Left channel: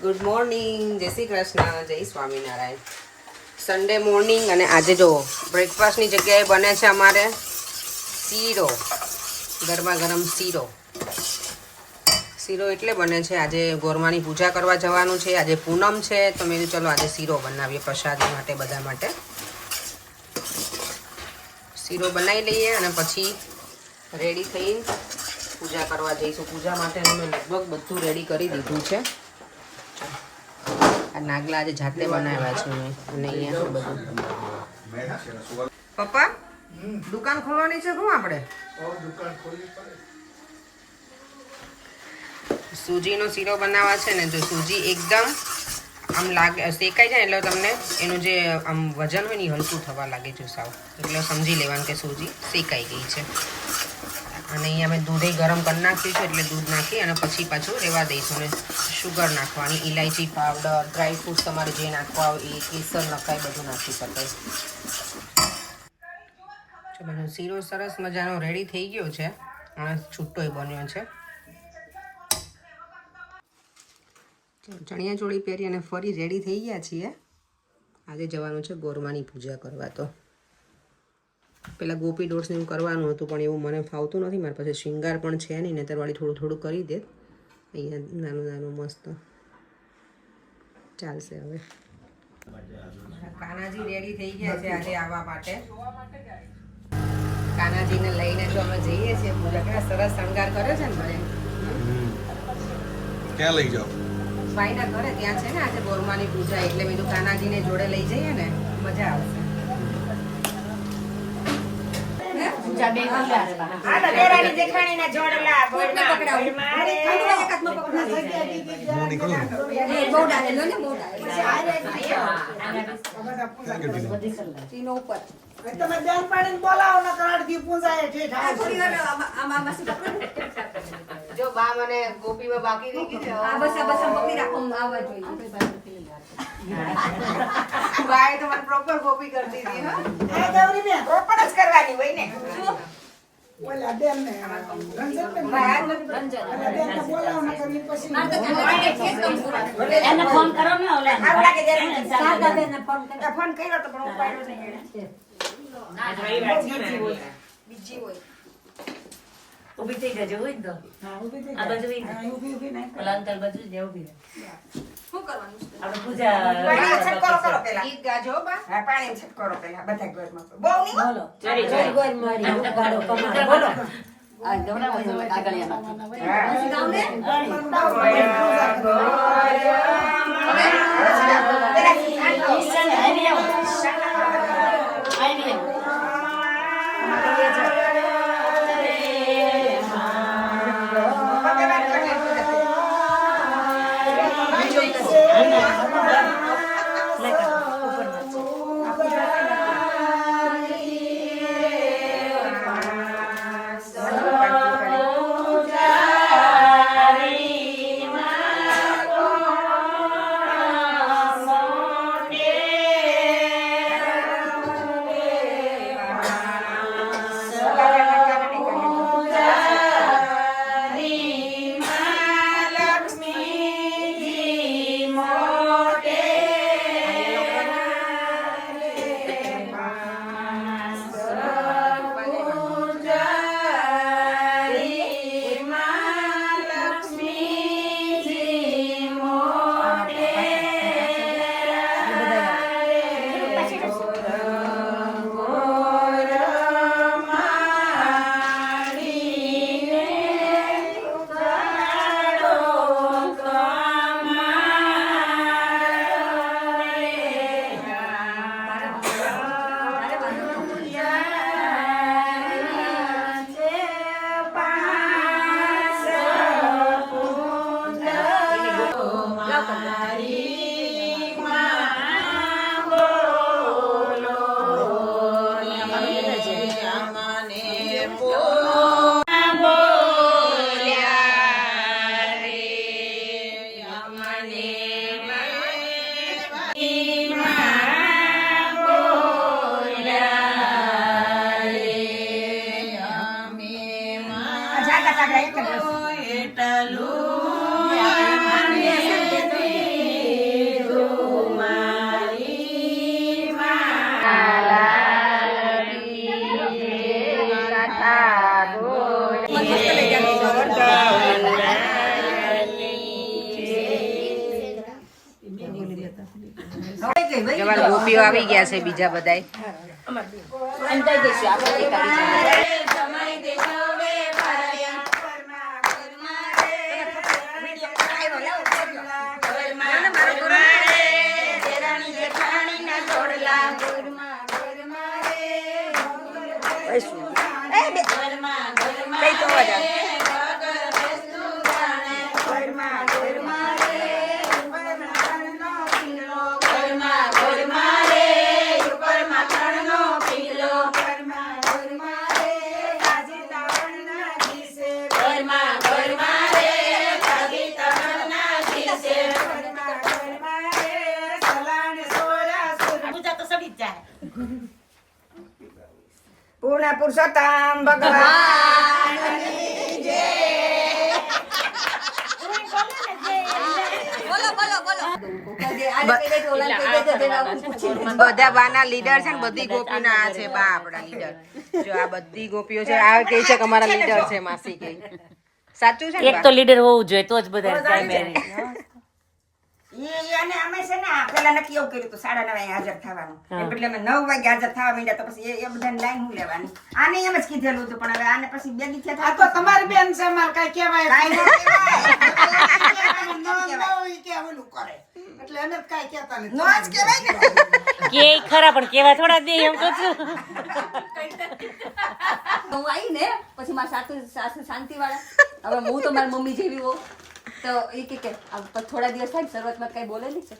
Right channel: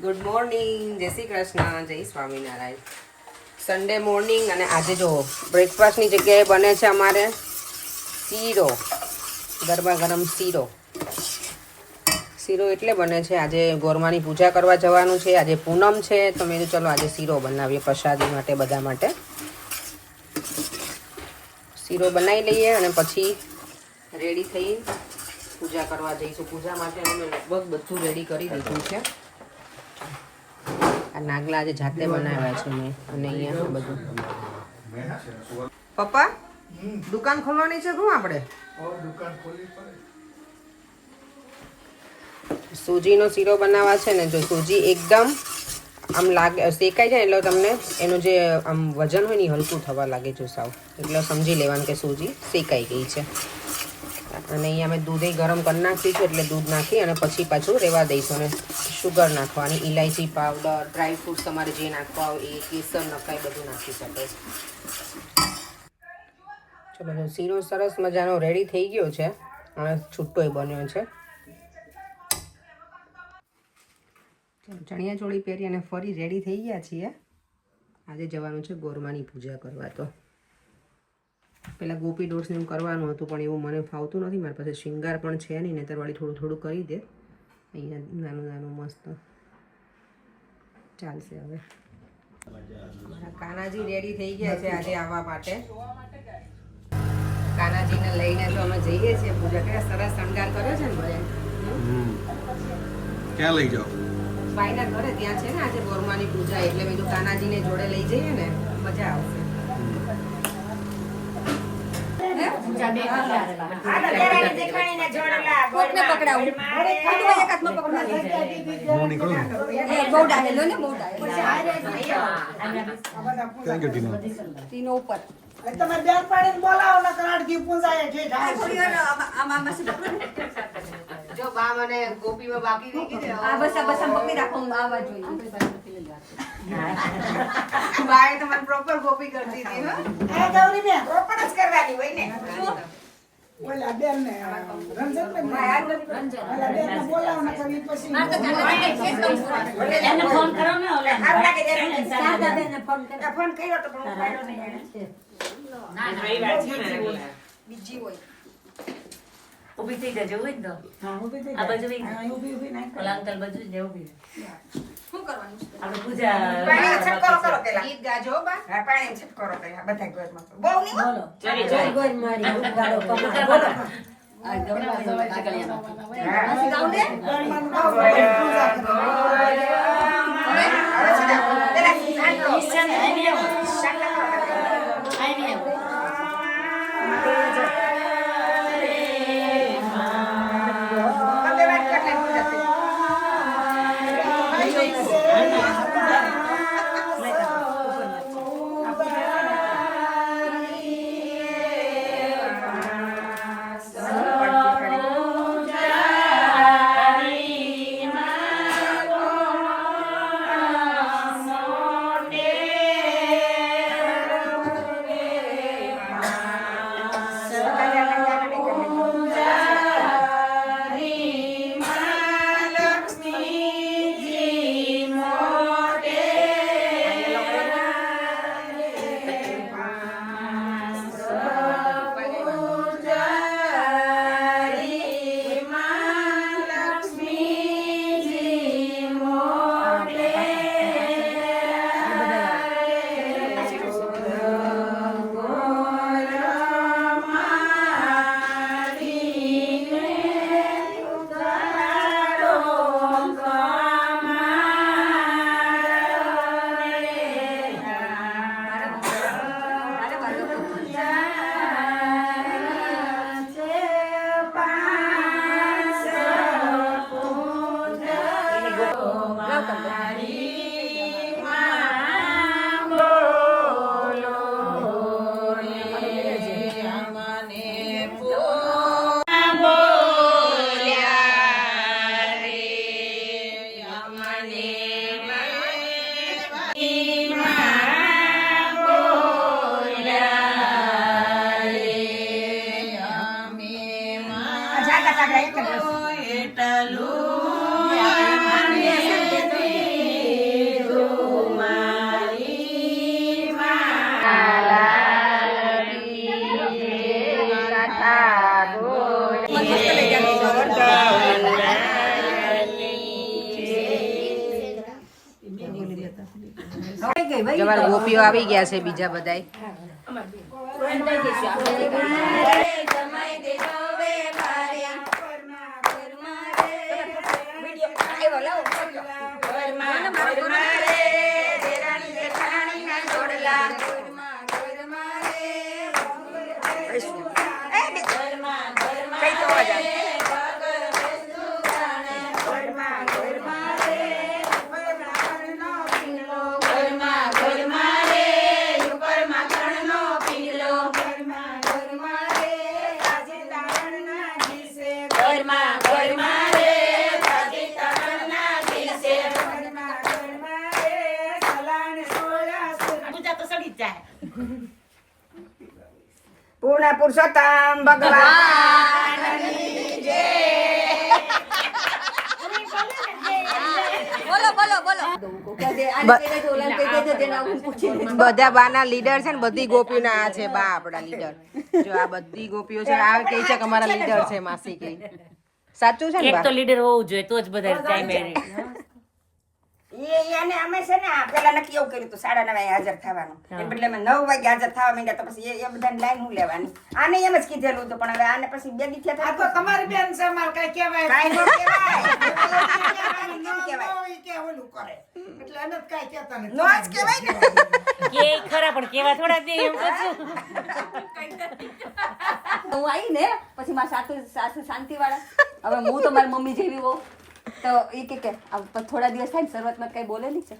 Good morning, જય શ્રી કૃષ્ણ, જય Swaminarayan. Sunday morning અને આજે જો બ્રેકફાસ્ટની જગ્યાએ બને છે અમારે શીરો, ગરમા ગરમ શીરો. શીરો એટલે બને છે આજે ગોરમાની પૂજા કરવા જવાનું છે, આજે પૂનમ છે, તો મેં કીધું ચલો આજે શીરો બનાવીએ પ્રસાદી માટે, બધા માટે. શીરો બનાવી લઈએ અને પછી રેડી થઈને પૂજા કરવા જઈશું. પૂજા માટે મેં લગભગ બધું રેડી કરી દીધું છે. આ નાગલા આજે જાતે બનાવ્યા છે મેં, અને અહીંયા બધું. પપ્પા દુકાન ખોલવાની છે શું આપણે? સૂજીનો શીરો બનાવવા છે ને, તો સૂજી એકદમ આમ લાગે શેકાઈ જાય એટલે તમને એનું જે આમ વજન હોય ને હલકું થવા લાગે છે સાવ, એટલે સમજી લેવાનું કે સૂજી શેકાઈ ગઈ છે. અને અહીંયા અમે દૂધે ગરમ કરી નાખ્યું છે, એટલે દૂધ નાખી અને પછી પાછું રહેવા દઈશું. અને શુગર નાખવાની, ઇલાયચી પાવડર, ડ્રાય ફ્રૂટ્સ તમારે જે નાખવા હોય એ, કેસર નખાય, બધું નાખી શકાય. ચલો શીરો સરસ મજાનો રેડી થઈ ગયો છે અને છૂટોય બન્યો છે. ચણિયા ચોળી પહેરી અને ફરી રેડી થઈ ગયા છીએ. આજે જવાનું છે ગોરમાની પૂજા કરવા. તો પહેલાં ગોપી ડોર્સને એવું કરવાનું હતું, પણ એવું મને ફાવતું નથી. મારી પાસે શૃંગાર પણ છે નહીં, નેતરવાળી થોડું થોડું કરી દે. અહીંયા નાનું નાનું મસ્ત ચાલશે. હવે કાનાજી રેડી થઈ ગયા છે આજે આવવા માટે. કાનાજીને લઈને તો અમે જઈએ છીએ પૂજા. કેટલા સરસ શણગાર કર્યો છે ને ભલે. ક્યાં લઈ જાઓ? ભાઈના ઘરે ત્યાં છે ને આજે ગોરમાની પૂજા, એટલે બીજું કાનાજીને જોડે લઈ જઈએ ને મજા આવશે. હું નીકળું જો બા મને ગોપીમાં બાકી રહી ગઈ બાએ તો મને પ્રોપર ગોપી કરતી હતી. પ્રોપર જ કરવાની હોય ને. ફોન કર્યો તો બીજી હોય ઉભી થઈ જજો હોય તો. આ બાજુ ઓલા અંકલ બાજુ જ ઉભી. શું કરવાનું છે? આપણે પૂજા પાણી છટકો કરો પેલા. ગીત ગાજો બા. હા પાણી છટકો કરો પેલા બધા ઘરમાં. બહુ નહીં બોલો. જય ગોર મારી ઉગાડો કમાડ બોલો. આ ગવડા આગળ આસી ગાવ ને. જાગા જાગા એક જ જવાર ગોપીઓ આવી ગયા છે બીજા બધાય. પૂર્ણ પુરુષોત્તમ ભગવાન બધા બાના લીડર છે ને બધી ગોપીના આ છે બા આપણા લીડર. જો આ બધી ગોપીઓ છે આ કહે છે કે અમારા લીડર છે માસી કે સાચું છે ને એક તો લીડર હોવું જોઈએ તો જ બધા જાય મેરી. અને અમે છે ને પેલા નક્કી એવું કર્યું હતું 9:30 હાજર થવાનું એટલે અમે 9 વાગે હાજર થવા માંડ્યા. તો પછી એ બધાની લાઈન હું લેવાની આને એમ જ કીધેલું હતું પણ હવે આને પછી બેગી થયા તો તમારી બેન છે માર કઈ કહેવાય કે ઓલું કરે એટલે અમે કઈ કહેતા નથી નો જ કહેવાય કે ખરા પણ કેવા થોડા દે એમ કહું છું. હું આવી ને પછી મારા સાસુ શાંતિવાળા હવે હું તો મારી મમ્મી જેવી હોઉં તો એ કે થોડા દિવસ થાય શરૂઆતમાં કઈ બોલે નહીં સર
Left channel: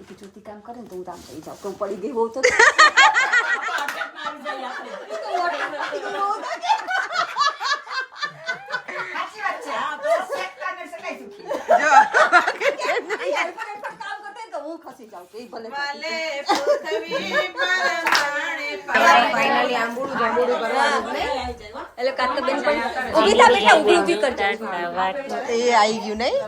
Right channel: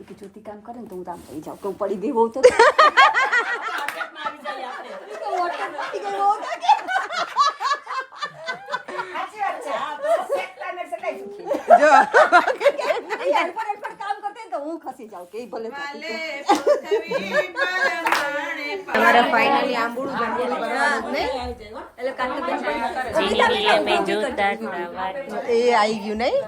એ જ્યોતિ કામ કરે ને તો હું રામ થઈ જાઉં તો પડી દે હોઉં તો કામ કરતે તો હું ખસી જાઉં કે ભલે ફાઇનલી આંબુડું જાંબુડું કરવાનું જ ને એટલે કાટલા એ આવી ગયું નહીં.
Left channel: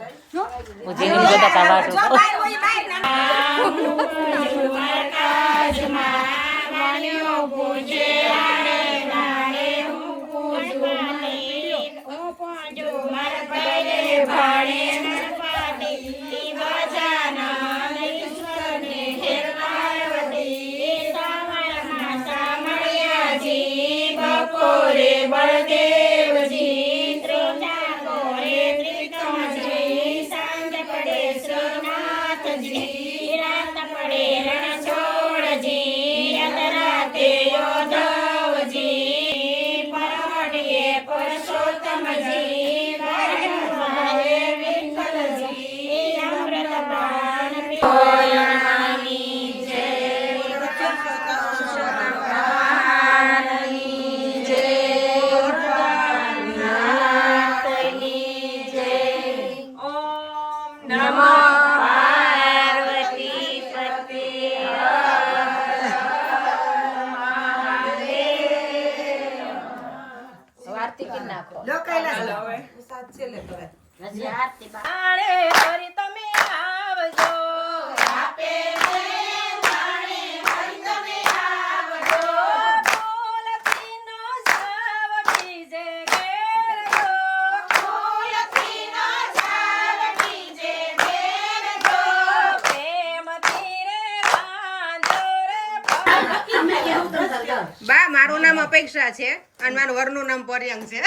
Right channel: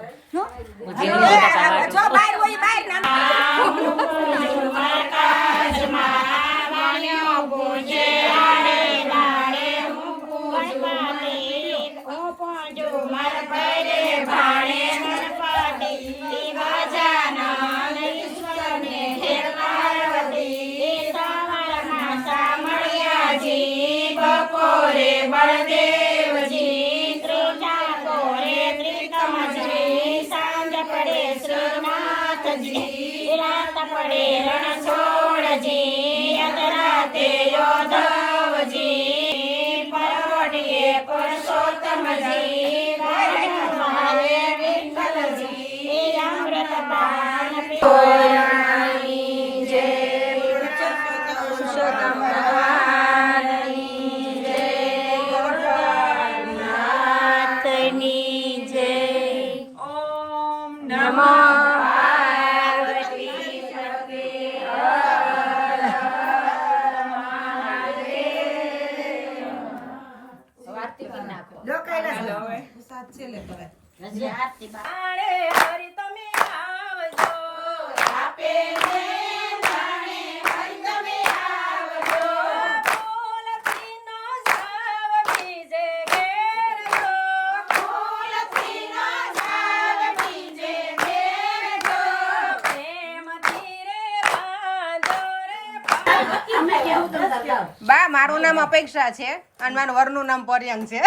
બા મારું નામ અપેક્ષા છે અને મારું વરનું નામ પર્યંક છે.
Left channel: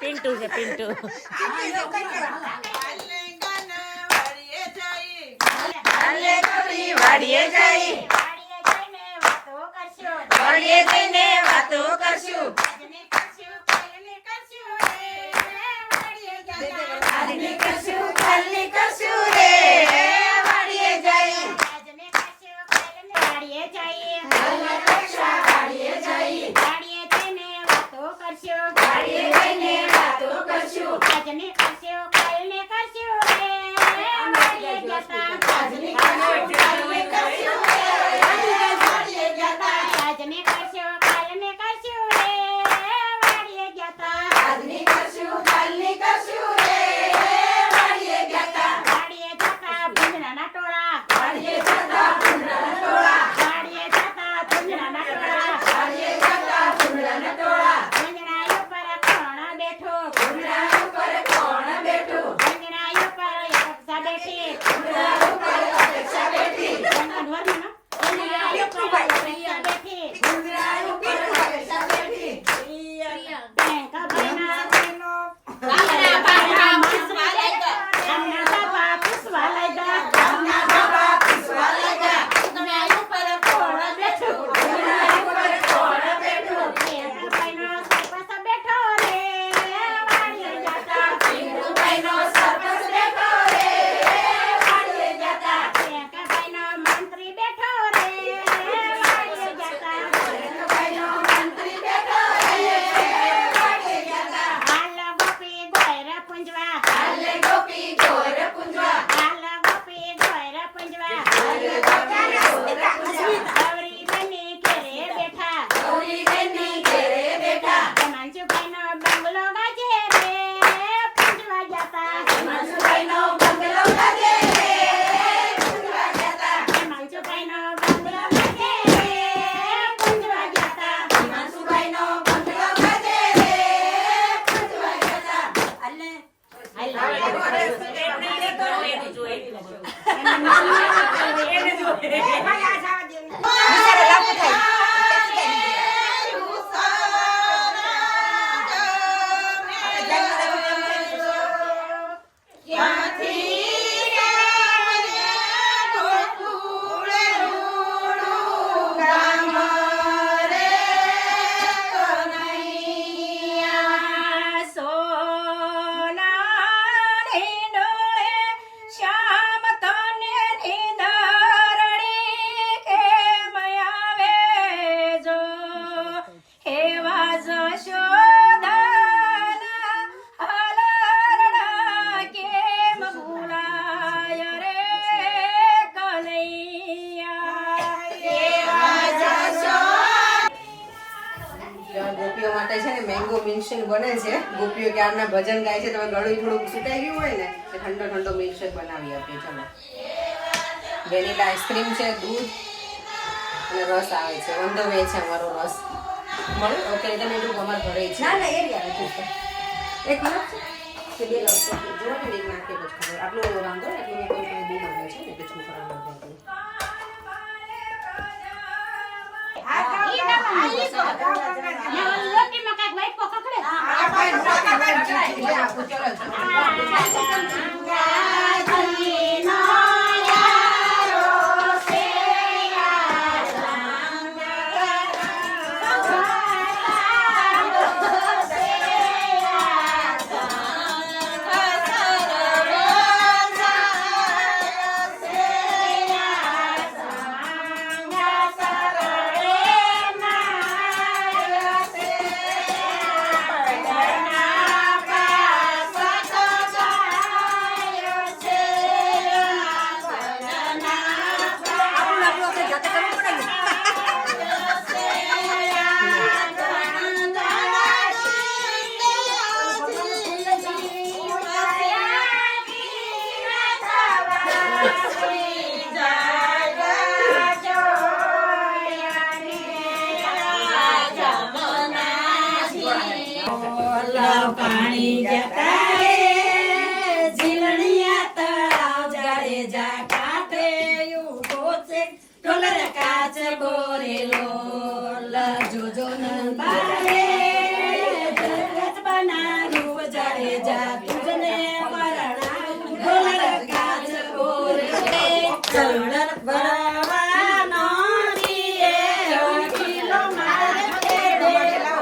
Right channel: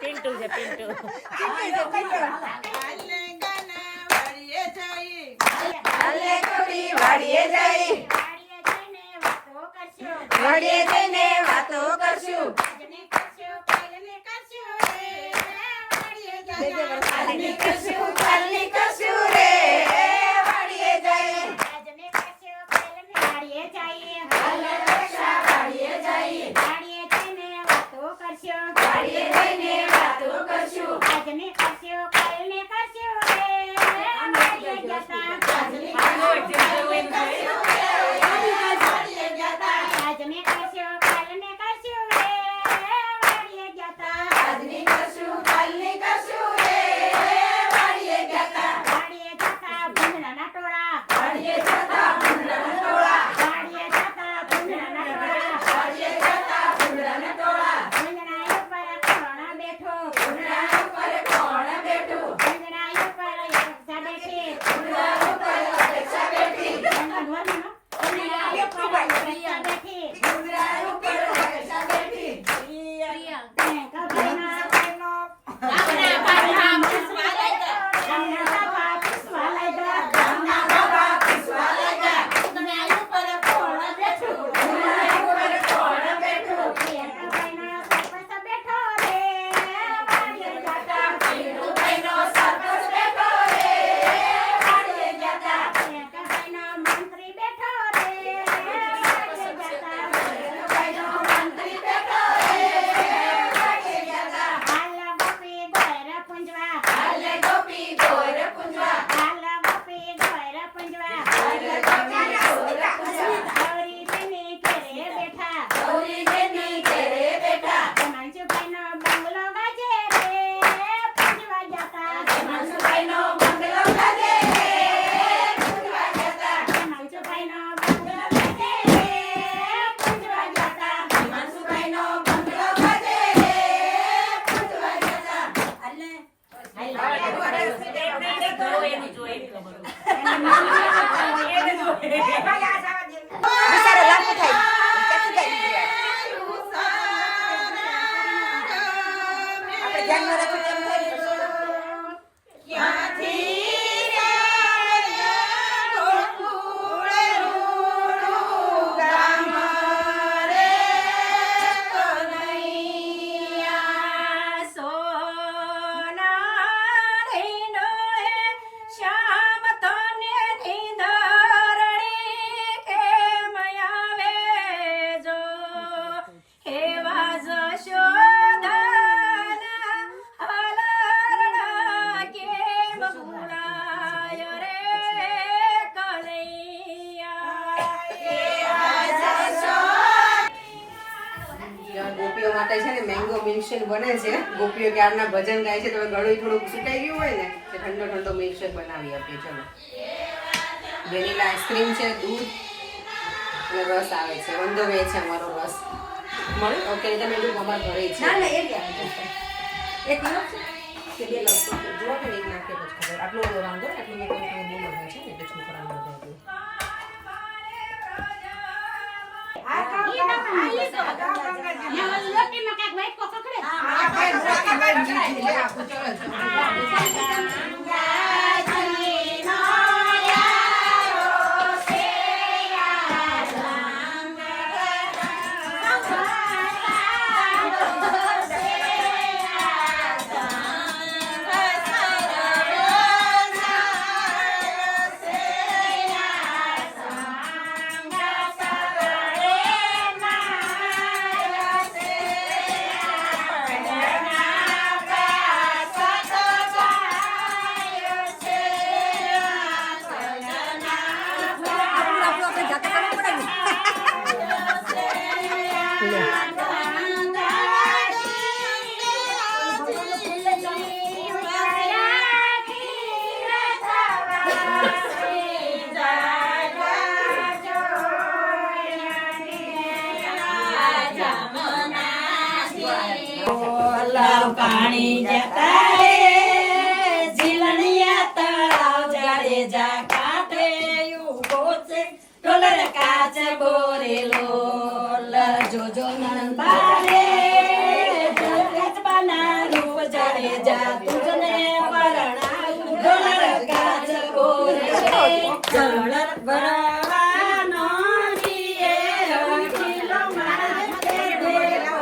પિન્ટુ છે પિન્ટુ. વાડીએ જઈ વાડીએ જઈને વાતો કરશું કરશું બિચારા લાગુ થાય. આપણે ધ્યાનમાં રાખીએ તેમ થાય. ગોપીઓ માટે છે ને મેંગો મિલ્કશેક બને છે. ગોપીઓ ક્યારના ભજન ગાય છે તો હવે ગળું થોડુંક સુકાઈ ગયું હોય ને તો ઠંડો ઠંડો મિલ્કશેક બનાવી આપીએ. ચલો, વેનીલા આઈસ્ક્રીમ છે, દૂધ અને રસ આવે છે. વંદો વે છે અમારો રસ મળે. ઓકે, તમે એટલું અમારા ઘરે છે. ના, ના, એ જ આવે છે. એક મિનિટ છે. કે બે લખતો જો કે એક નાખી પછી ખબર આટલું વાંધો ને આટલું મેં કહ્યું તમે બહુ માંગે છે ને એટલે છોકરાઓને બધું પાણી જતા રે ઝીલણિયા તળાવ જાડે જા કાંઠે ઉભો છે ઢોલર કાચ બોરેલો જોજો નંદારે જગતબાના રૂપ જાડે જા તુજને વરણાયું ઢોલર કાચ બોરેલો ઢોલર ભરવાનો રીએ કિલો માથે ડોળેલો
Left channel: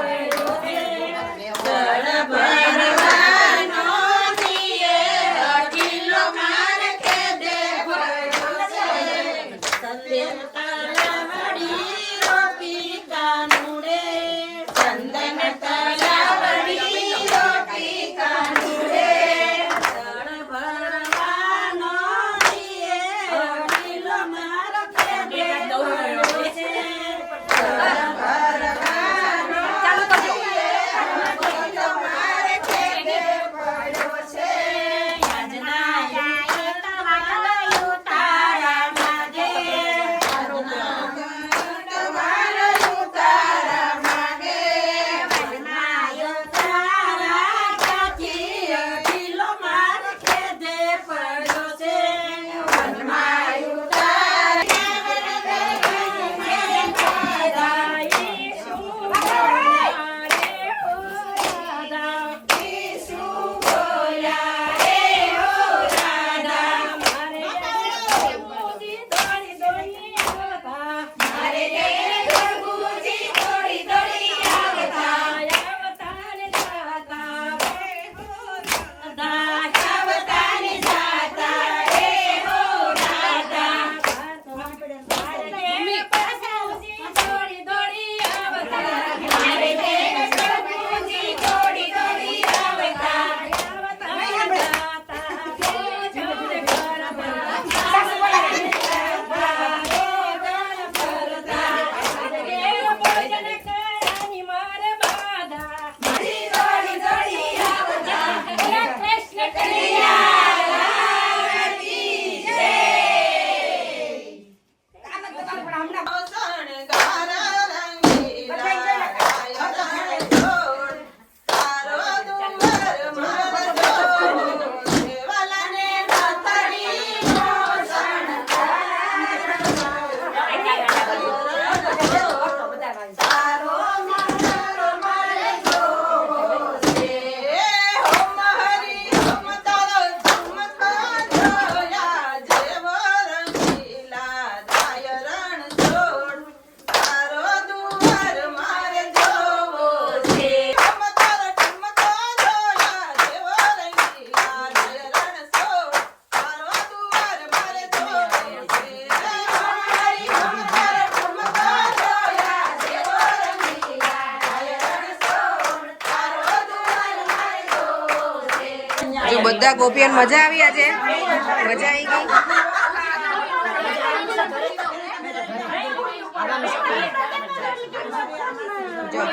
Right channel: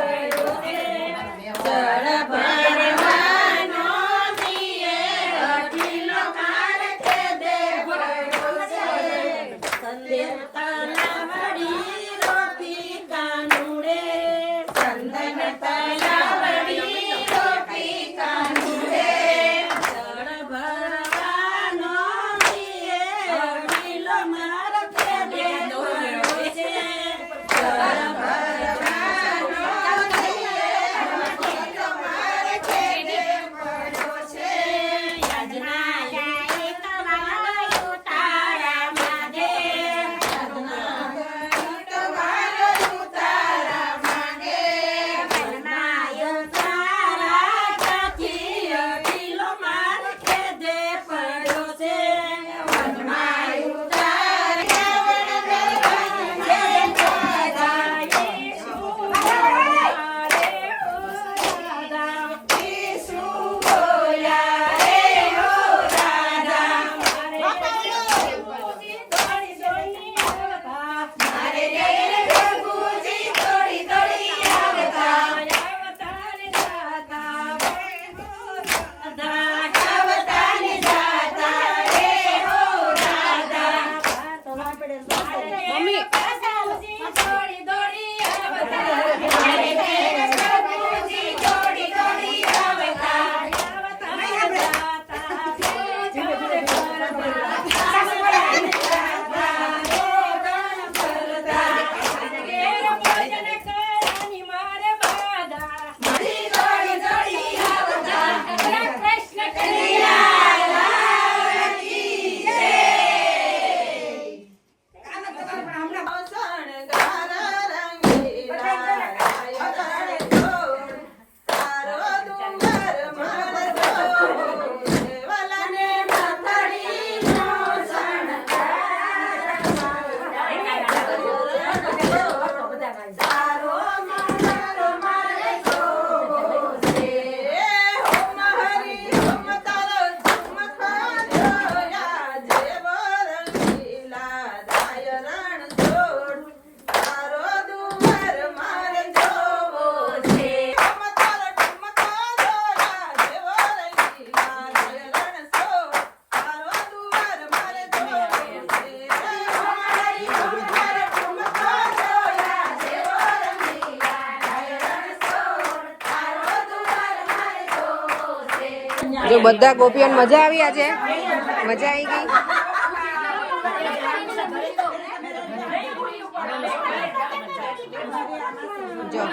જો બધા ગોપીઓને મજા આવી આજે મજા આવી ગઈ જો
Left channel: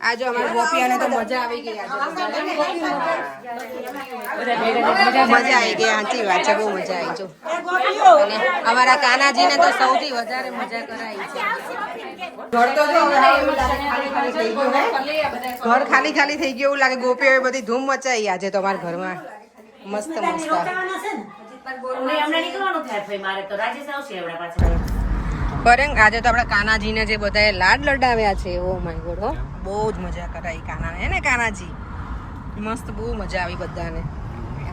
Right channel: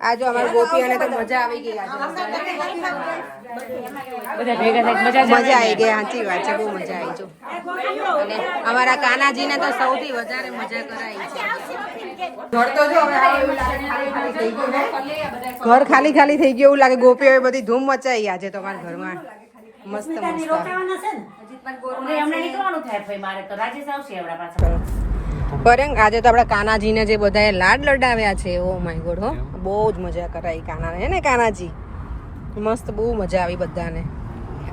આ જો અમારી ગોપીઓને તો મજા આવી ગઈ આજે મજા આવી ગઈ સાચી વાત છે બહુ મજા આવી જો અને અમારા કાનાજીને તો સૌથી વધારે મજા કરાવી છે ઘર તો જો હવે હાવ એવું લાગે ખાલી ખાલી થઈ ગયું હે ઘર ખાલી ખાલી થઈ ગયું એવું લાગે ગોપીઓએ બધી ધૂમ મચાવી આજે તો અમારા ઘરમાં મસ્ત મસ્ત બરેંગ આજે તો આપણા કાનાજીને જે બધાએ લાડ લડાવ્યા છે ઓ માય ગોડ હો બહુ જ મજા કરાવી કાનાને હે ને કાનાજી મસ્ત બહુ મજા આવી બધાને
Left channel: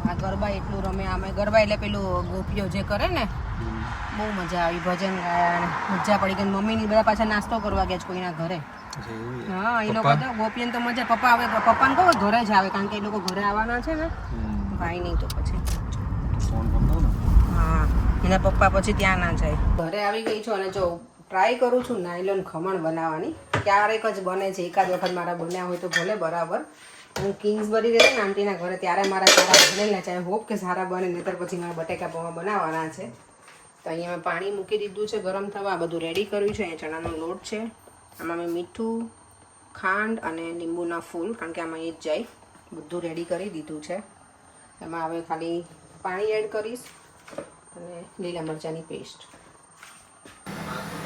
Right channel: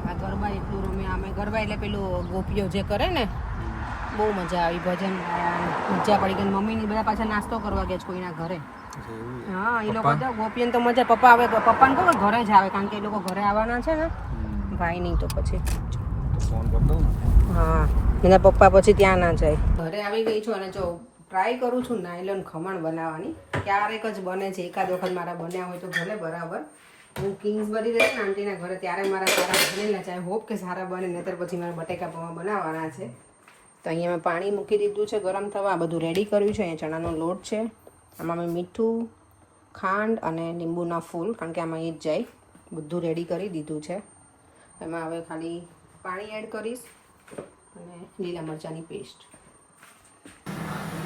આ ગરબા એટલું રમે અમે ગરબા એટલે પેલું ગોપીઓ જે કરે ને બહુ મજા આવી ભજન ગાયા મજા પડી ગઈ મમ્મીની બધા પાછા નાસ્તો કરવા ગયા છે કોઈના ઘરે હા એ લોકો તો ગોપીઓને તો મજા પપ્પા આવે પપ્પાને કહો ઘરે જ આવે કારણ કે એ લોકો ઘરે આવવાના છે ને ભાઈ નહીં તો પછી હા એના પપ્પા પછી ત્યાં ના જાય ઘરે આવી ગઈ છું અને જો ટ્રાય કરું છું નાયલોન ખમણ બનાવવાની ક્યારેક જ બને છે એકાદ વખત મારા બન્યા હોય તો ભલે બરાબર હું કિંગ્સબરી રહેતી ને આંટીના ઘરે ત્યારે મારા સારા બનેલા છે હોપ કે સારા બને નહીતર પછી મારા બટેકા પૌવા બનાવવાના છે તો અહીંયા મેં પાણી મૂકી દીધું છે ગરમ થવા આ બધું રેડી કર્યું છે અહીંયા ચણાનો લોટ છે આમાં મેં મીઠું ખાંડ અને લીંબુના ફૂલ કારણ કે આમાં એ જ જાય બધું રેડી કરી દીધું છે એમાં હવે ખાલી પાણી એડ કરીશ અને લીલા મરચાંની પેસ્ટ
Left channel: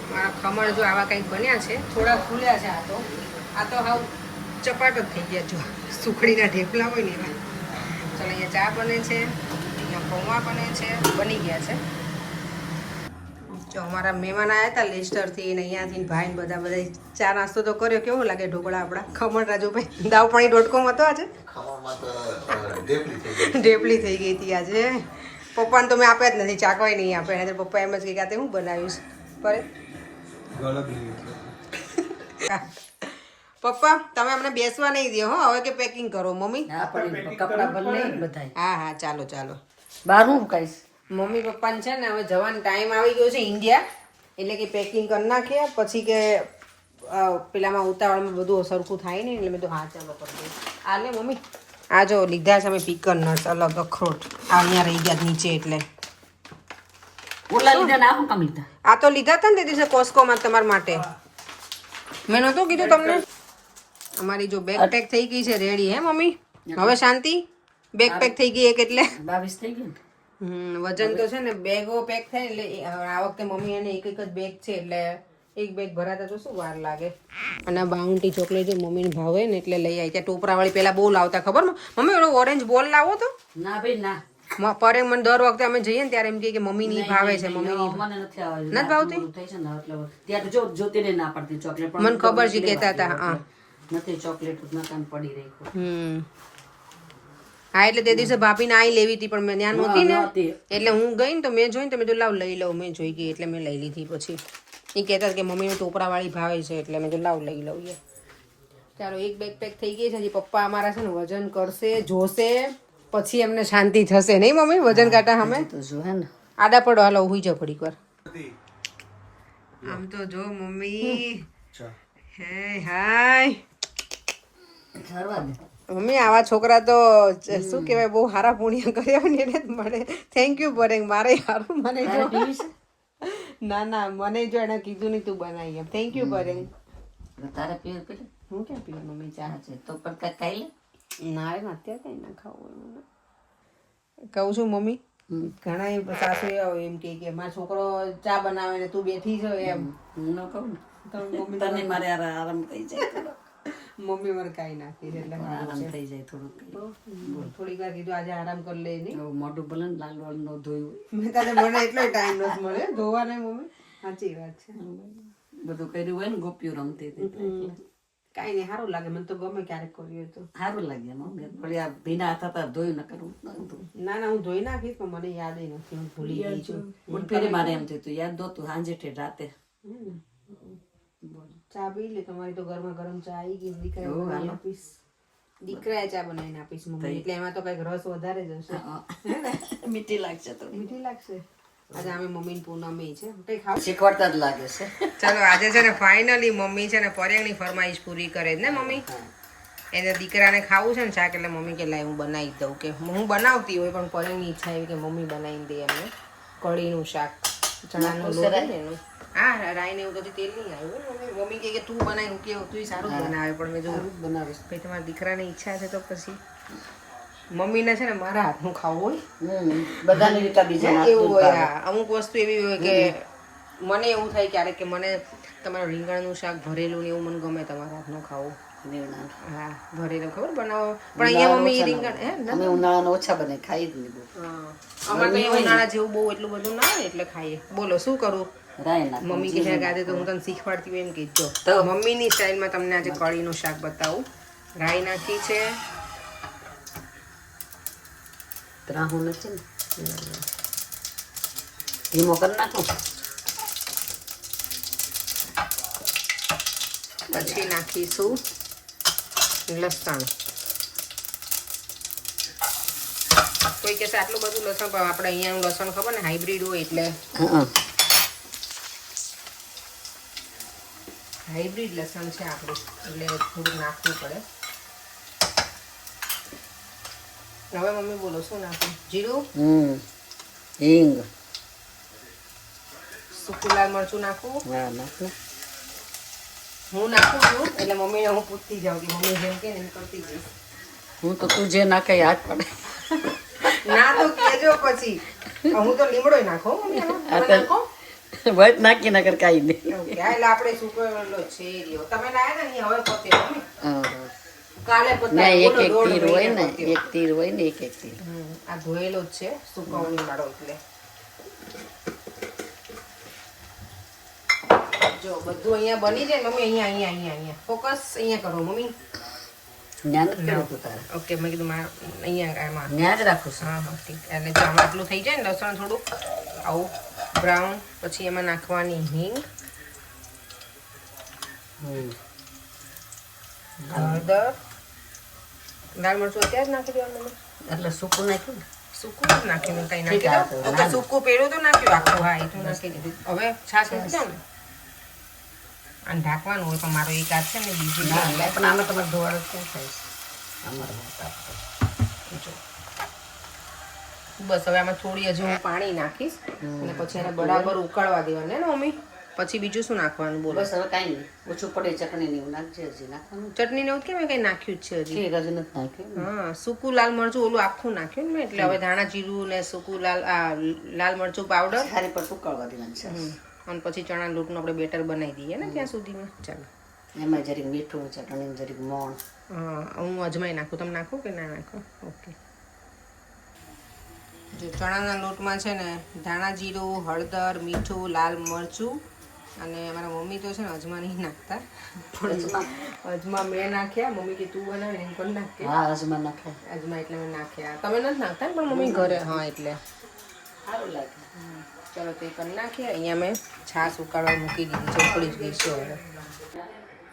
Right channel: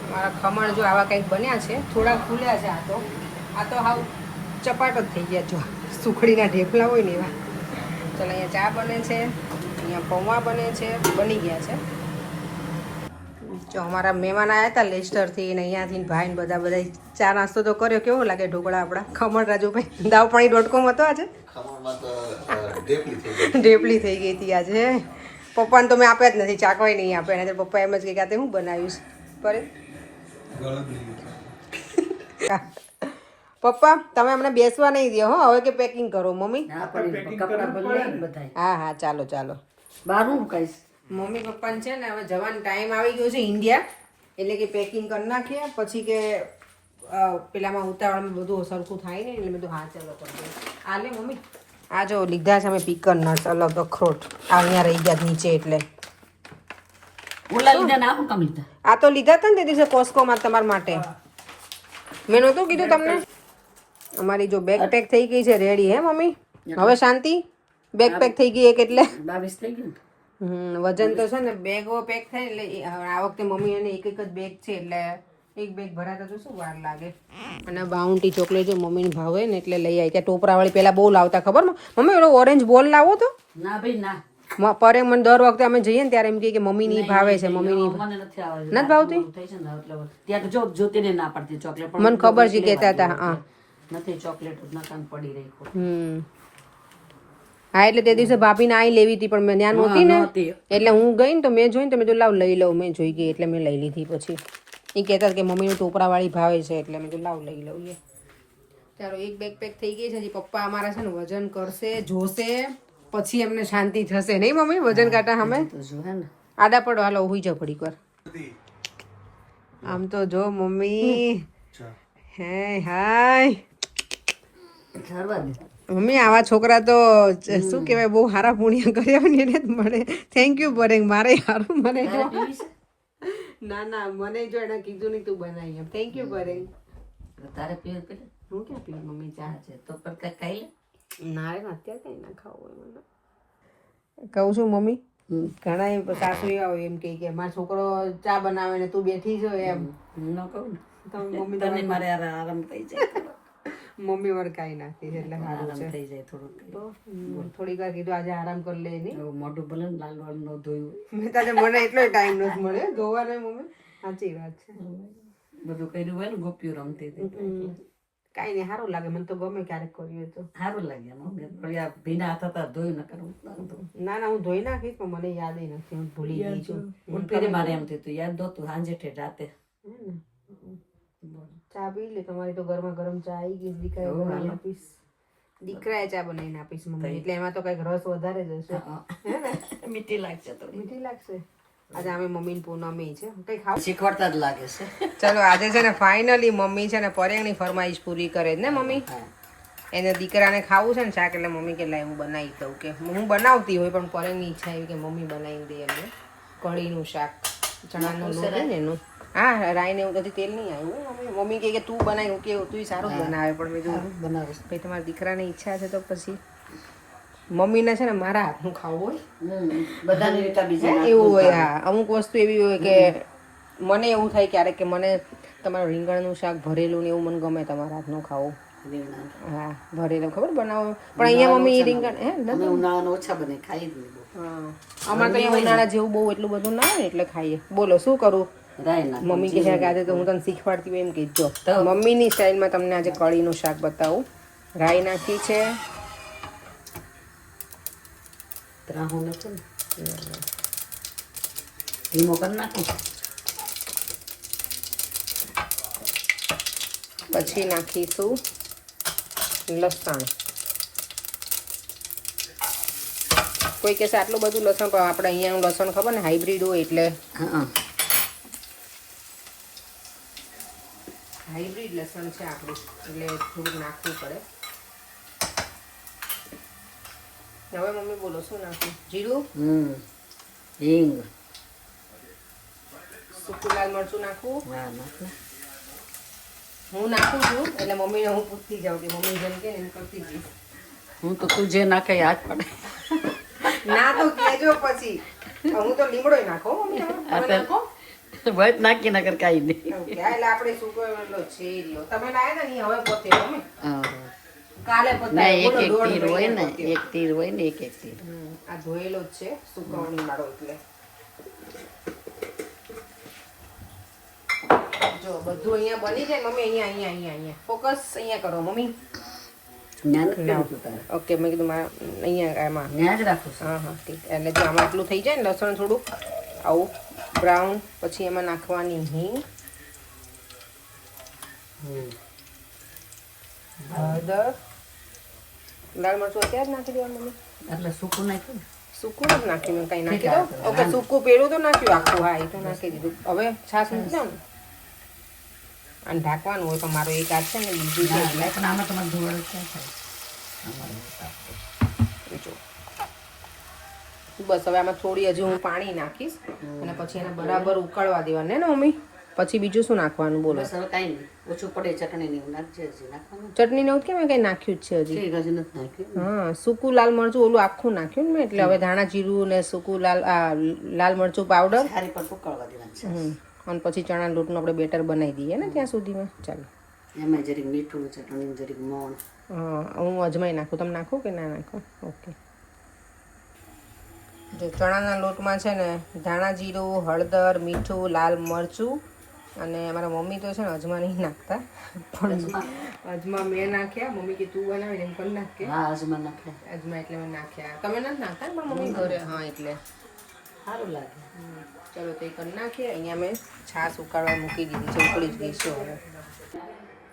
મારા ખમણ જો આવા કંઈક બન્યા છે થોડા ફૂલ્યા છે આ તો હાવ ચપાટ જ થઈ ગયા જો સુખડીના ઢેફલા હોય ને એવા ચાલો અહીંયા ચા બને છે અહીંયા પૌવા બને છે બની ગયા છે જો અમારા મહેમાન આવ્યા હતા લેસ્ટરથી ને અહીંયાથી ભાઈ ને બધા ચા નાસ્તો તો કર્યો કેવો લાગે ઢોકળા આપણા ખમણ રાજુભાઈ દાવપાણી.com હતો આજે ઢેપલી થઈ ગઈ હતી આજે પપ્પાને તો મેં આપ્યા જ નથી ચાકવાય નહીં આપે એને પપ્પા એમ જ કહે કે હું બનાવીશ પર પપ્પા તમે અમને બેસવા નહીં દો હો હવે કે પેકિંગ કરો મમ્મી હા ચાલો મમ્મી પપ્પાને છે ને હવે જવાનો ટાઈમ આવી ગયો છે ઇન્ડિયા એટલે કે પેકિંગ કરી નાખીએ પછી કે પેલામાં ઉતાવળમાં બધું સરખું થાય નહીં એટલે મેં તો હા ચાલો કરી દઉં આ લે મમ્મી આ જો લીધા છે અમે પીકન નટ્સ અલગ અખરોટ આ અહીંયા રહી ગયા નીચે એટલે આ તો લીધા હતા ને તે દિવસે કોસ્કોમાં તમારા માટે મેં નહોતું કીધું તમને અમારી જો બેગ પેક થઈ ગઈ છે રેડી હે મમ્મી હવે શાંતિ બેગ પેક થઈ ગઈ એક એટલે 22 થઈ ગયું વજન તો છે ને બેગો પેક થાય એટલે આ વખતે મમ્મી એને એક જ બેગ છે એટલે એક બેગ ભરાતા તો શું વાર લાગે અને બાઉન્ટી ચોકલેટ જો મમ્મીને ભાવે ને એટલે લઈ આવી ત્યાં ટોપરાવાળી પેલા બહુ લાવતા ખબર મમ્મી ઓલો ઓરેન્જ બોલ લાવો તો ના ભાઈ ના પરે મને દર વખતે અમે જઈએ ને ત્યારે એમ કે મમ્મી ની ભાવે છે મમ્મી મને નથી આવે નથી ભાવતી થઈ છે ને એટલે ત્યાં જો જોતીને ના પડતી ચોકલેટ પણ મને ખબર છે કહેતા હતા હા નથી ચોકલેટ જ ના કામ પડી રહી હા એટલે તે દિવસે ભાભીને આઈ લેવી હતી પણ મેં ત્યાં નહોતી ને એટલે હું ગઈ ને તો મેં જોઈને તો મેં તો લાવ લઈ લઉં મેં જોઈ ગઈ એટલે મેં લઈ લીધી પછી એ કહેતા કે મમ્મીને ટોપરાવાળી ભાવે છે એટલે મેં તો લાવ લઈ લઉં ચાલો એક બેગ પેક થઈ ગઈ છે હજી પપ્પા અમારા છે ને વજન કરશે જોશે પછી એમને શાંતિ થશે નહીં મમ્મી વજન કાંટા અમે આડા પડો હાલો હુઈ જાવ થોડીક વાર આમ તો જો મમ્મી હે હાય મમ્મી આવા છોકરા તો શું કહેવાય બહુ સારા પુણ્ય કર્યા હોય ને એને જ મળે થેન્ક યુ બરેંગ મારે સારું મને જો ના મને જો એને કીધું નહીં તું બનાવી એમ થેન્ક યુ બરેંગ તારે પીર પીર હું ક્યાં પીવું મમ્મી ચા છે તો પણ કઈ ના અત્યારે કઈ ના ખાવું હોય મને કહું છું મમ્મી ઘણા સાસુ આવો એમ કે મારો છોકરો ચા બનાવે ને તું બેઠી છો એમ ન કહું મમ્મી તને મારે આરામ થઈ જાય મમ્મી મારે કાંઈ નાખી એટલે આરામ થઈ જાય થોડુંક થોડીક વાર કીધું આજે આરામ કરી લે નહીં મોઢું ભલે ને લાલ વાળ નો ધોયું મેં તાજે મને એટલો ટાઈમ નથી મળે ધોવા ને મમ્મી સાચી વાત છે બધું કર્યું હોય ને ગોપીઓ રમતી હતી કાંઈ નહીં સારું લાગે મને તો ગમે ક્યારેક કર્યું તો સારું લાગે વળી આ ભીના હાથ હતા ધોયું ન કરું ના હું ધોઈ નાખીશ પણ મને યાદ નથી હું ભૂલી ગઈ છું ફેરી મારે એમ થયું યાદ દોતું સાંજે ઠેઠ રાતે ચા પી લે તમારી તો ગરમા ગરમ ચા આવી ગઈ દીકરા બનાવી આપીશ દીકરાએ ચા બનાવીને આપીશ મમ્મી એટલે એમાં તો કઈક રસ વધારે જ હશે મીઠી લાગશે તો મીઠી લાગશે આજે અમે મમ્મી પૂનમી છે કઈ ખાવ શીખવાડતા જ લાગે છે ચલો આજે છે ને ફાઇનલી મમ્મી છે ને પરેંગની ફરમાઈશ પૂરી કરે જ ને મમ્મી એને દીકરાને ખાવું છે ને શાક એટલે મમ્મી કે લાય હું બનાવી દઉં કે હું બનાવતી હોય પણ પરેંગની ઈચ્છા એવી કે મમ્મી બનાવીને દે એમને કઢીનું શાક ચણાનો લોટ હોય ને એનું હા રાઈને એવું કદી તેલ નહીં આવ્યું મમ્મી કહે કે તું બનાવી હું કેવું તું સારું જ બનાવે પણ મેં જો બનાવીશ ભાઈ તમારા દીકરાની ઈચ્છા છે તો પછી મમ્મીને છે ને મારા હાથનું ખાવું બધાની રીતે બીજા હોય એવું હોય અમુક વસ્તુ એવી હોય કે મને એવું થાય ક્યારેક કે મને તમારું રીંગણનું શાક ભરેલું ને એવું મને ગમે તમારા હાથનું ખાવું હા ભરેલું ખબર બનાવો પણ અહીંયા મમ્મી રીંગણ હે અમે ઉનાળાનો ઓછા બને ખાઈ જ નહીં અમારે તો અહીંયા ઉનાળા જેવું બહુ એટલું બધું ના હોય એટલે ખાઈએ બોલો શું કરું રાય ના મમ્મી કે છે કે આજે તો હું તને શીખવાડતી હોય એમ કહેજો તો મમ્મીની સ્ટાઇલમાં તમને આજે કઢીનું શાક બતાવું રાઈ નાખી છે ત્રાહું છે ને લીમો કરી નાખો પછી નાખીશું લસણ કોઈ કહેશે આટલું બધું લસણ પણ આપણે અહીંયાનું લસણ ખબર ને હાઇબ્રિડ હોય એટલે હા હાઇબ્રિડ લસણ છે આપણું એટલે થોડુંક નાખવું પડે હવે મમ્મી બોલો શું નાખું જીરું હિંગ સૂકું લાલ મરચું નાખું હા નાખ ને હું નાખું છું એટલે મમ્મીને હું પૂછતી જાઉં કે મમ્મી જેમ કે એમ કરતી જઈશ હું તો તું જે નાખે યાદ પડે ના તો કહેજો પછી હું તો લીમડો નાખો મમ્મી આ તો વટ નાખી ના કર કાઈ નહીં એવું કે એટલે આપણે સૂકવેલો છે રહ્યો તમે લાયા ને અહીં હવે પોતે મમ્મી હા કાલે ના પતા એક એક તીર હોય ને એક તીર હોય ને એક એક તીર આ ધોયેલો જ છે સુકવણી વાળો એટલે જો બધું અહીંયા બની જાય મમ્મી અહીંયા ફોકસ અહીંયા કરો મમ્મી જ્ઞાન જ કર્યું તું તારે ઓકે મેં કીધું મારા અહીંયા એમાં જ્ઞાન જ રાખું છું હા હા ઠીક એટલે જો આમાં આટલું થઈ જાય ને લસણ થોડું આવું બ્રાઉન પછી એમાં નાખવાની હિંગ હળદર લાલ મરચું અત્યારે જ નાખી દેવાનું મમ્મી એટલે સૂકું નાખ્યું ને સૂકું જ નાખ્યું કઈ નાખી દઉં ઓકે સૂકું પેલું તો નાખ્યું આખું હા એ તો નાખી દીધું હવે છાશ મૂકી દો ને અને ઢાંકવાનું હોય તો મારો એક હાથ છે ને બીજું છે ના, પણ આમે તમારે ધોવાનું ક્યાં થાય જો બસ હવે આમાં થોડી હજી હું પાણી નાખીશ અને પછી એને બરાબર ઉકળવા દેવાનું ને મમ્મી પછી બીજું શું નાખવાનું બોલો બસ હવે કાંઈ નહીં ઓછું પડે ચટણી ને એવું નાખજે હજી નાખવાનું ચટણી ને એવું કેમ કંઈ નાખ્યું જ છે હજી છે હજી નથી નાખ્યું હા સૂકું લાલ મરચું ઓલું આખું નાખ્યું ને મેં એટલે હવે ધાણા જીરું ને સૂકું લાલ મરચું પાવડર સારી પર ઉકળવા દેવાનું છે અને પછી ચણા લોટનું આપણે બેટર બનાવી દઈએ ને ત્યાં સુધીમાં ચાલો એમાં જરીક મીઠું ચટણી જરીક મોણ હા હું અજમાઈ નાખું તમે નાખો કે ના નાખો ઓકે જો ચણાના લોટમાં છે ને ધાણા જીરું હળદર મીઠું લાલ મરચું અને અમારા મમ્મી તો છે ને અજમા નહીં નાખતા પણ અજમા મેં નાખ્યા મમ્મી કે તું બનાવીને એમ કરી નાખ કે હા અજમા નાખે અજમા એટલે મેં નાખ્યા તમે નથી નાખતા ને મમ્મી ઘરે હા એટલે સારું લાગે ચલો તો એ કરી નાખીએ અહીંયા મેં છાશ ઉકાળવા મૂકી દીધી છે ઉકળી જ ગઈ છે હવે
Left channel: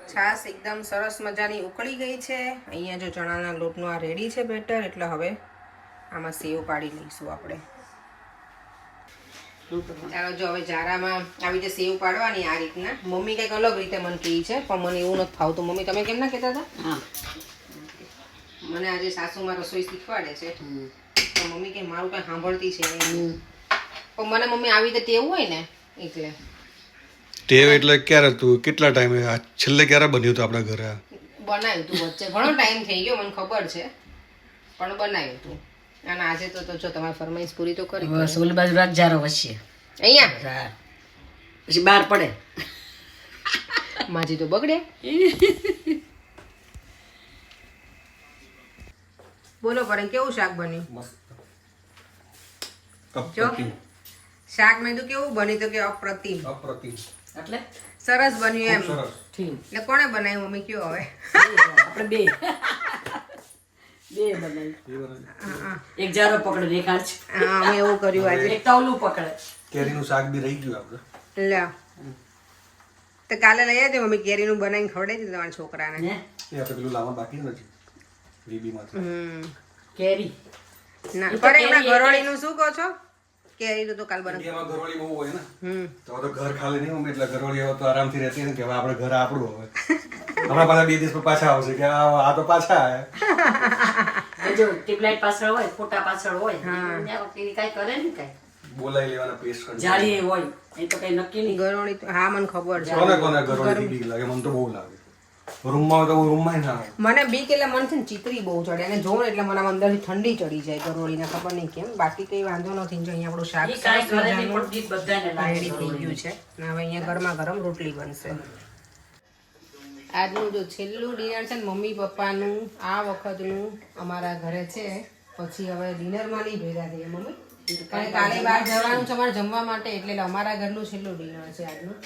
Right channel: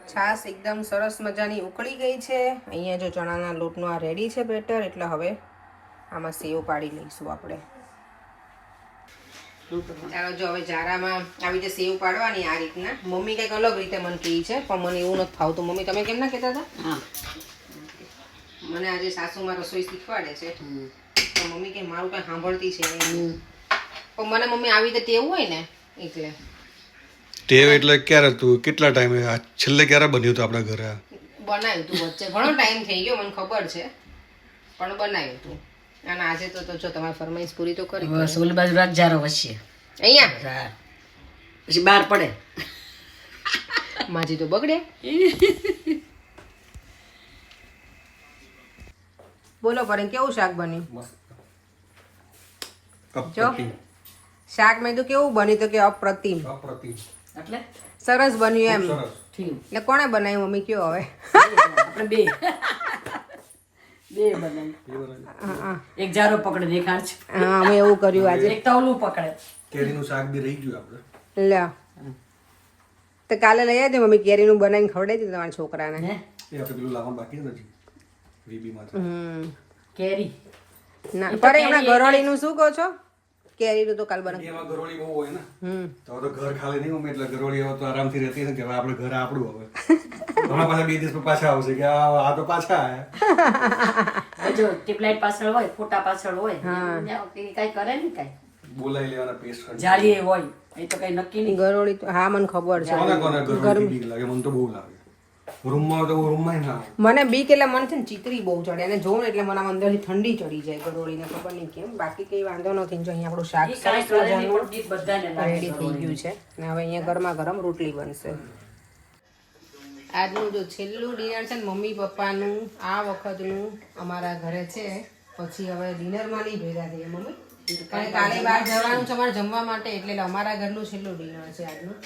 છાશ એકદમ સરસ મજાની ઉકળી ગઈ છે અહીંયા જો ચણાના લોટનું આ રેડી છે બેટર એટલે હવે આમાં સેવ પાડી લઈશું આપણે ચાલો જો હવે જારામાં આવી રીતે સેવ પાડવાની આ રીતના મમ્મી કંઈક અલગ રીતે મને કહે છે પણ મને એવું નથી ફાવતું મમ્મી તમે કેમ ના કહેતા હતા હા મને આજે સાસુમાં રસોઈ શીખવાડે છે તો મમ્મી કે મારું કંઈ સાંભળતી છે નહીં. પણ મને મમ્મી આવી રીતે ટેવ હોય ને એટલે ટેવ એટલે ક્યારે તું કેટલા ટાઈમે છેલ્લે ક્યારે બન્યું હતું આપણા ઘરે બનાવ્યું તું વચ્ચે ઘણો ટાઈમ થઈ ગયો મને ખબર છે પણ બનાવ્યું તું અને આજે તો જો તમારી ફરમાઈશ પૂરી તો કરી બસ ઓલી બાજુ રાખજારો વચ્ચે અહીંયા હા પછી બહાર પડે માજી તો બગડે બોલો પર કેવું શાક બન્યું જો શાક મેં તો કેવું બન્યું તો કે અપ્રતિમ એટલે સરસ બન્યું એમ ઠીક એટલે કોણે બનાવ્યું મમ્મી કયો હવે આપણે બે બનાવી હા એક જારો પકડે દેખાડ છે હા અમે એવું કર્યું આજે એક તવલું પકડે કેરીનું શાક બી રહી ગયું આપણે લે તો કાલે લઈ આવજો મમ્મી કેરીનું બનાવીને ખવડાવી દીધું તમારા છોકરાને ને એ આપણે પેલું લાવવાનું બાકી નથી વીબી માંથી હમ કેરી ના પર એના ગરોળીનું શું કહો છો કેરીનું તો કાલ બનાવ. એમાં ઘરોળી બહુ હોય ને હમ તો આ તો ઘર ખાલી નહીં મમ્મી એટલે ઘરોળી હવે તો આરામથી રહેતી ને કે હવે આપણે ઘર આપણું હવે હમણાં પાછા 2 દિવસ પાછા આવશે કે આ તો પાછા આયા જો ટીપલાઈટ પાછળ હોય ફોટા પાછળ હોય કઈ કરે ને કઈ બોલાવી લેવાના પેસ્ટ કરી જાળી હોય એ તો કઈ નક્કી નહીં. ગરોળી તો હા મને ખબર છે. કોને કોને ઘરોળી બીક લાગે મને તો બહુ લાગે રૂમમાં તો રૂમમાં ના આવે. મને બીક એટલે મને છે ને ચીતરી બહુ ચડે અને જોઉં ને એટલે મને આમ અંદરથી ઠંડી ચડી જાય ગરોળીને ખબર નહીં કેમ. બાકી કઈ વાંધો નથી. જો અહીંયા આપણું શાક ઈ કાંઈ સરસ કરે નહીં, મજાનું પણ બીક બધાને લાગે. રેડી થઈ ગયું છે અને હવે અહીંયા ગરમા ગરમ રોટલી બનશે. આજનું જો છેલ્લું ડિનર છે ને મમ્મી પપ્પાનું આ વખતનું અમારા ઘરે છે. પછી હવે ડિનરમાં નહીં ભેગા થઈએ મમ્મી, કારણ કે કાલે બહાર જવાનું છે અમારે જમવા માટે, એટલે અમારા ઘરનું છેલ્લું ડિનર છે આજનું.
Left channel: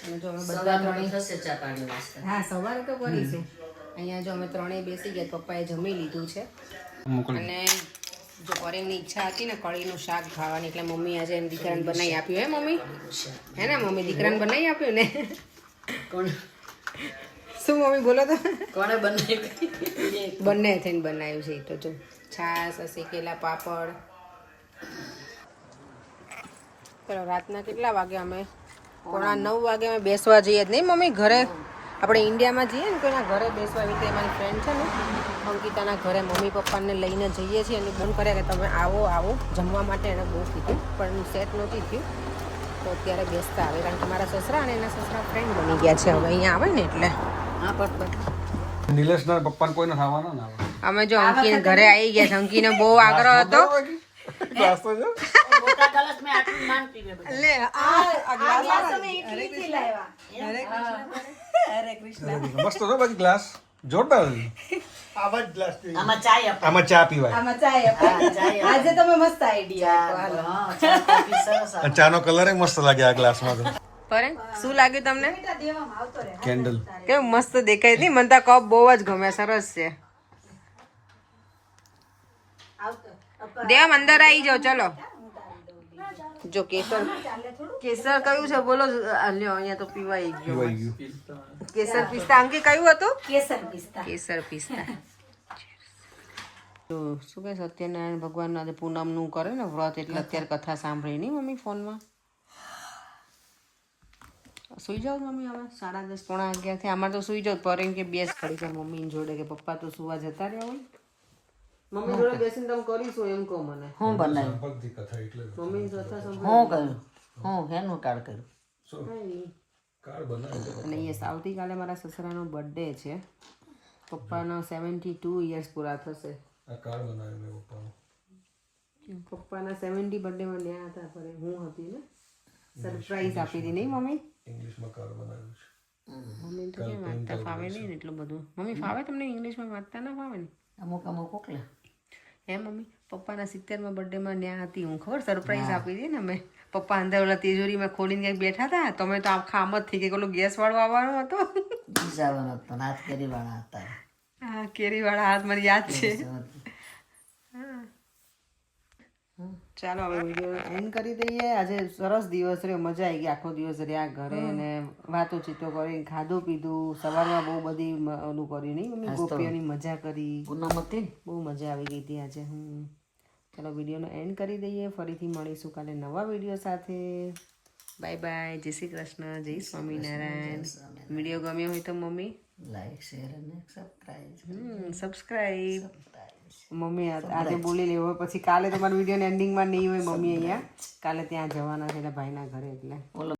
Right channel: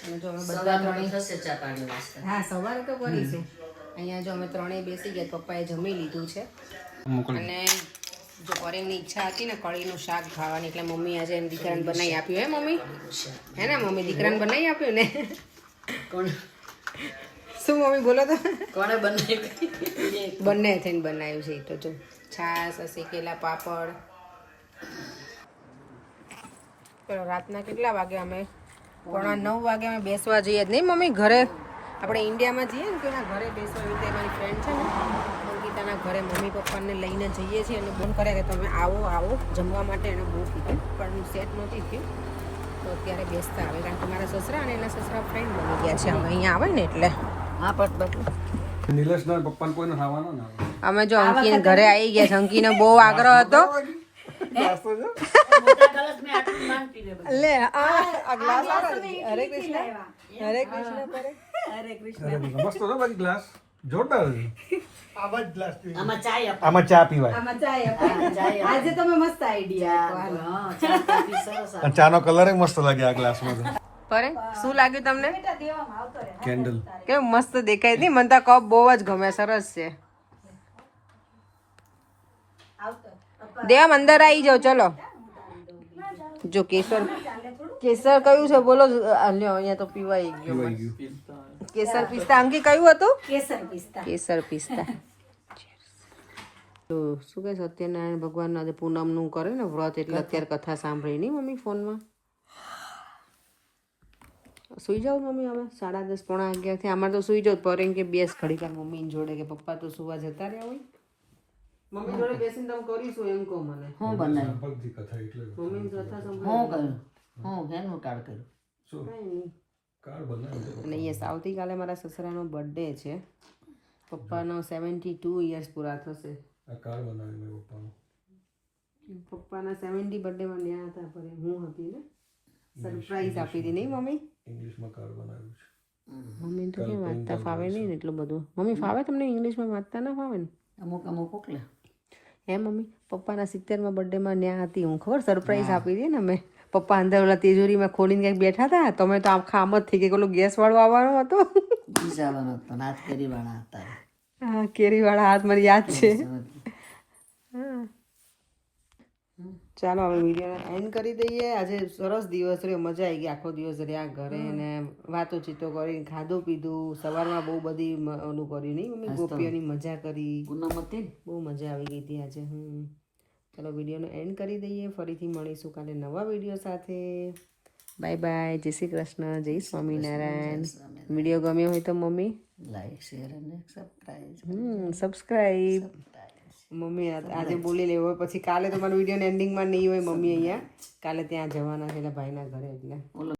અને જો અમે બધા ત્રણેય થશે ચા પાણી વાસ્તે. હા સવારે તો કરીશું. અહીંયા જો અમે ત્રણેય બેસી ગયા, પપ્પાએ જમી લીધું છે અને જો પરેમની ઈચ્છા હતી ને કઢીનું શાક ખાવાની, એટલે મમ્મી આજે એમ દીકરાને બનાવી આપ્યું. હે મમ્મી? હે ને મમ્મી દીકરાને બનાવી આપ્યું ને? કોણ શું મમ્મી બોલો તો? કોણે બનાવી? બંને થઈને બનાવ્યું છે. તો જો છાશ, શેકેલા પાપડ. ચલો રાતના કેટલા વાગે અમે 9:30 વાગે અમે બેસવા જઈએ જ નહીં મમ્મી ઘરે. આપણે ઇન્ડિયામાં જઈએ ને કોઈના ઘરે બેસવા, એવી રીતે અમારી ફ્રેન્ડ છે ને અંકિતાના ઘરે મમ્મી પપ્પાને લઈને જઈએ છીએ અને ફોન કર્યા કે તમે આવો જમવા માટે. એને બહુ કીધું પણ સેટ નહોતી થયું, તો અત્યારે બેસતા આવે કારણ કે મારા સસરા અને એના સસરા ફ્રેન્ડ બની ગયા છે હવે અહીંયા આવે ને એટલે. હા પણ નિલેશના પપ્પાને કોઈને ખાવાના ના આવે. અમે જો અંકીને ઘરે આવી ગયા છે. અંકીને બહુ આગ્રહ હતો. મોટા ગલાસ મેં આટલું માન પીવે બધું. લે આ ગ્લાસ હરે કૃષ્ણ હરે કૃષ્ણ કરે. હરે કૃષ્ણ. મસ્ત હતો બાકી ગ્લાસ જોરદાર. આમાં ચાય આપે. આમાં ચા પીવાય. આમાં ચાય આપે. આજે તમે મસ્ત આઈડિયા આપો. હા, ચા કોફી સરસ આપે. ચાનો કલર મસ્ત લાગે આ ગ્લાસમાં. પરે શું લાગ્યું તમને? કેન્ડલ કેવું મસ્ત દેખાય નહીં? મને તો કપ બહુ જ ગમે, સરસ છે. દેવામ અંદર આવી જાઓ ચલો. જો કેસર કયું છે બોલો? લ્યો અહીંયા તો પીવાઈ ગયો. કેસર પિસ્તા. અંકી કયું હતું? કેસર પિસ્તા. તો શું કહે સત્યનારાયણ ભગવાન આજે પૂનમનું કરે ને વ્રત, એટલે અત્યારે કથા સાંભળી નહીં મમ્મી ફોનમાં. સુઈ જાઓ મમ્મી હવે 10:30 પોણા 11 થી. અમારે તો સુઈ જાઓ. પર એમ કે બેસ ઘડી ચાર મમ્મી જોડે, કે પપ્પા તો સુવા જતા રહ્યા હોય. મમ્મી જોડે બેસીને તમે કરીશું એમ કહો મને. હું બનાવ્યું? સંભળતી કથા એટલે મમ્મી કથા હું સંભળાવી. કર્યું? હું હેનું કાર્ડ કર્યું? કંઈ નહીં. કાર બનાવી. અને યસ આવતીકાલે મારા સસરાનો બર્થડે છે. પપ્પાનો 72 યર્સ પૂરા થશે. આ કાર બનાવી મેં પપ્પાનો. પપ્પાના 70 બર્થડેમાં ન્યા હતા, પર હું હતી ને સરપ્રાઈઝ આપી હતી નહીં મમ્મી? ઇંગ્લિશમાં કાર બનાવ્યું છે. મમ્મી તો કેમ વાંચતા ફાવે નહીં ને એટલું બધું. મમ્મી ફાવે તમને ઇંગ્લિશમાં વાંચતા ના ફાવે ને? અમુક કોકલે. હે મમ્મી? પપ્પાના 70માં બર્થડેમાં ન્યા હતી હું, ખબર સરપ્રાઈઝ આપી હતી ને મેં. પપ્પા અંદર ઓલા તિજોરીમાં ખોલીને ક્યાંક બેઠા હતા, તમે તો આખા આમ જ થઈ ગયા. ઓલો ગેસ વાળો આવવાનો હતો. બીજાવાનો હતો, હાથ કેરી વાળા હતા. હા કેરી વાળા હાથ મને યાદ છે. ચાલો હવે વિડીયો એન્ડ કરી દઈએ. આજે સરસ દિવસ રહ્યો, મજા આવી ગઈ. આખો દિવસ રહ્યા ઘરે ને વાતો ચીતો કરી, ખાધું પીધું. સવારમાં બહુ બધી ઓલું કર્યું નહીં મમ્મી? ગોપીઓની મજા કરી, બહુ મજા આવી ગઈ હતી આજે. ચાલો વિડીયોનો એન્ડ કરી દઈએ. ફરીથી મળીશું કાલે નવા વિડીયો સાથે. Bye bye. જય શ્રી કૃષ્ણ, જય સ્વામિનારાયણ. વિડીયો ગમ્યો હોય તો મમ્મી લાઈક શેર અને સબસ્ક્રાઈબ. મમ્મી આજે બોલી લેવો, પછી કાલે તમારા વિડીયોના એન્ડિંગમાં નહીં હોય મમ્મી અહીંયા. કાલે ત્યાં જવાના છે એટલે ભાઈના ઘરે, એટલે